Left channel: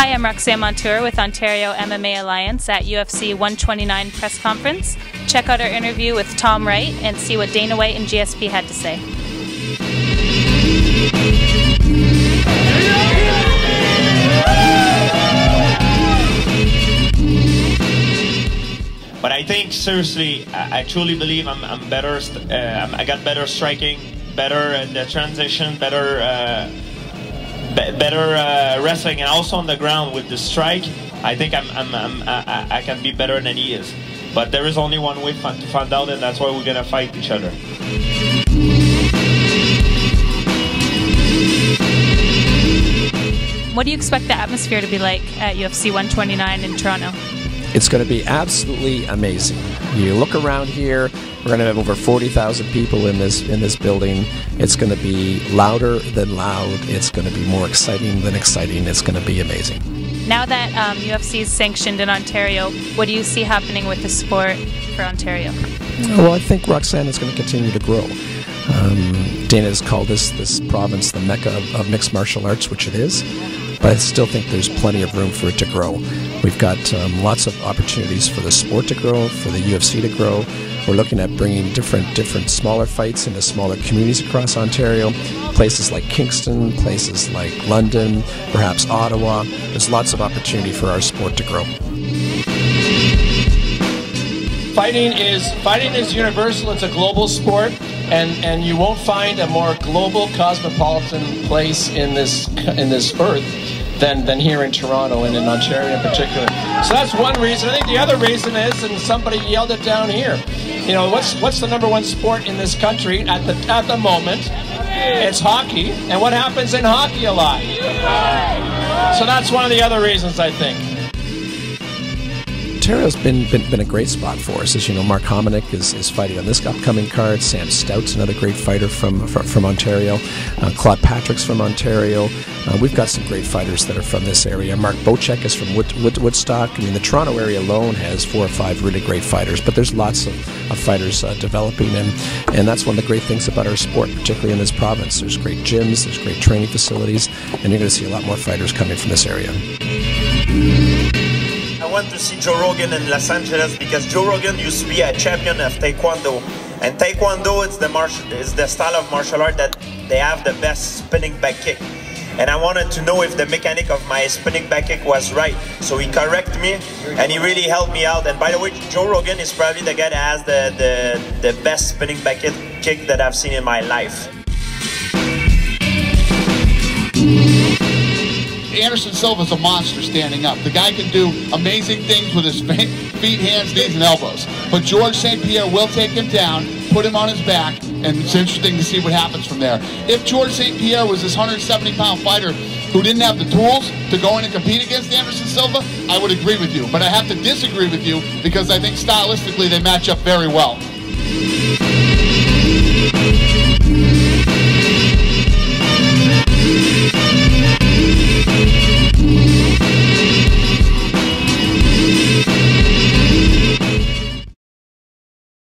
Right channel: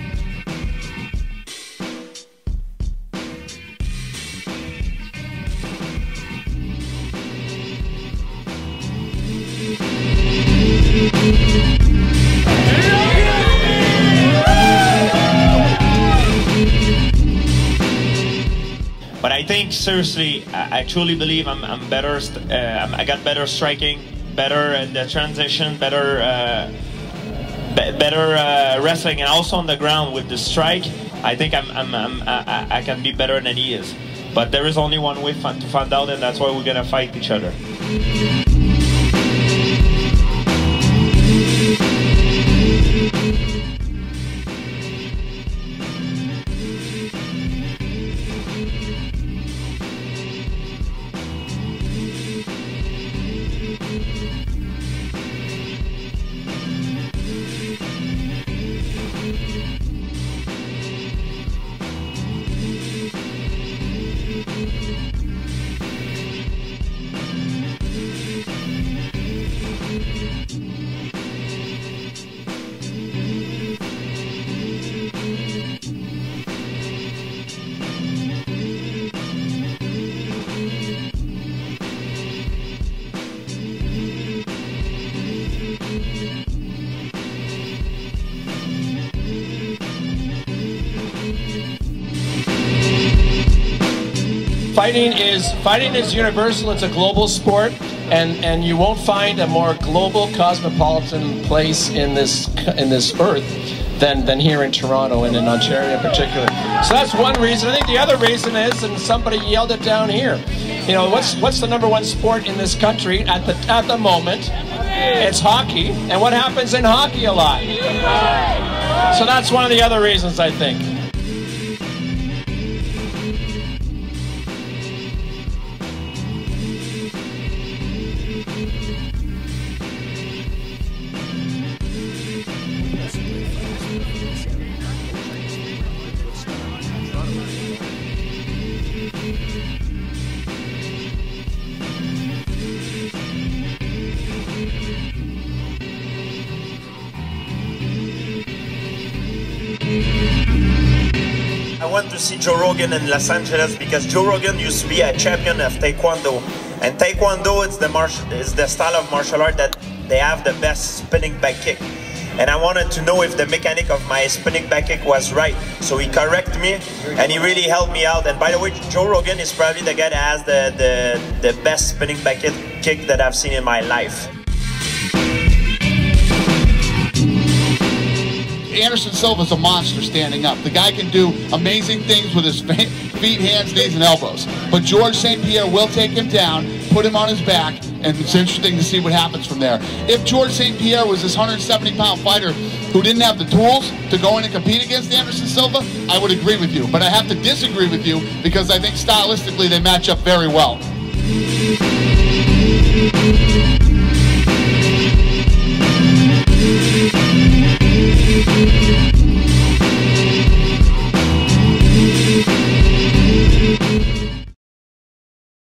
Hi, I'm Roxanne Montour with Ontario MMA Alliance at UFC 129 press conference. Check out our interview with Tom Wright and see what Dana White and GSP had to say. But I think, seriously, I truly believe I'm better. I got better striking, better the transition, better wrestling, and also on the ground with the strike. I think I can be better than he is. But there is only one way to find out, and that's why we're gonna fight each other. What do you expect the atmosphere to be like at UFC 129 in Toronto? It's going to be absolutely amazing. You look around here, we're going to have over 40,000 people in this building. It's going to be louder than loud. It's going to be more exciting than exciting. It's going to be amazing. Now that UFC is sanctioned in Ontario, what do you see happening with the sport for Ontario? Well, I think Roxanne is going to continue to grow. Dana has called this province the Mecca of mixed martial arts, which it is, but I still think there's plenty of room for it to grow. We've got lots of opportunities for the sport to grow, for the UFC to grow. We're looking at bringing different smaller fights into smaller communities across Ontario, places like Kingston, places like London, perhaps Ottawa. There's lots of opportunity for our sport to grow. Fighting is universal. It's a global sport, and you won't find a more global, cosmopolitan place in this earth than here in Toronto and in Ontario in particular. So that's one reason. I think the other reason is, and somebody yelled it down here, you know, what's the #1 sport in this country at the moment? It's hockey. And what happens in hockey a lot? So that's one of the other reasons, I think. Ontario's been a great spot for us. As you know, Mark Hominick is fighting on this upcoming card. Sam Stout's another great fighter from Ontario. Claude Patrick's from Ontario. We've got some great fighters that are from this area. Mark Bocek is from Woodstock. I mean, the Toronto area alone has 4 or 5 really great fighters, but there's lots of fighters developing, and that's one of the great things about our sport, particularly in this province. There's great gyms, there's great training facilities, and you're going to see a lot more fighters coming from this area. I went to see Joe Rogan in Los Angeles because Joe Rogan used to be a champion of Taekwondo, and Taekwondo is the style of martial art that they have the best spinning back kick. And I wanted to know if the mechanic of my spinning back kick was right. So he corrected me, and he really helped me out. And by the way, Joe Rogan is probably the guy that has the best spinning back kick that I've seen in my life. Anderson Silva's a monster standing up. The guy can do amazing things with his feet, hands, knees, and elbows. But George St. Pierre will take him down, put him on his back, and it's interesting to see what happens from there. If George St. Pierre was this 170-pound fighter who didn't have the tools to go in and compete against Anderson Silva, I would agree with you. But I have to disagree with you because I think stylistically they match up very well.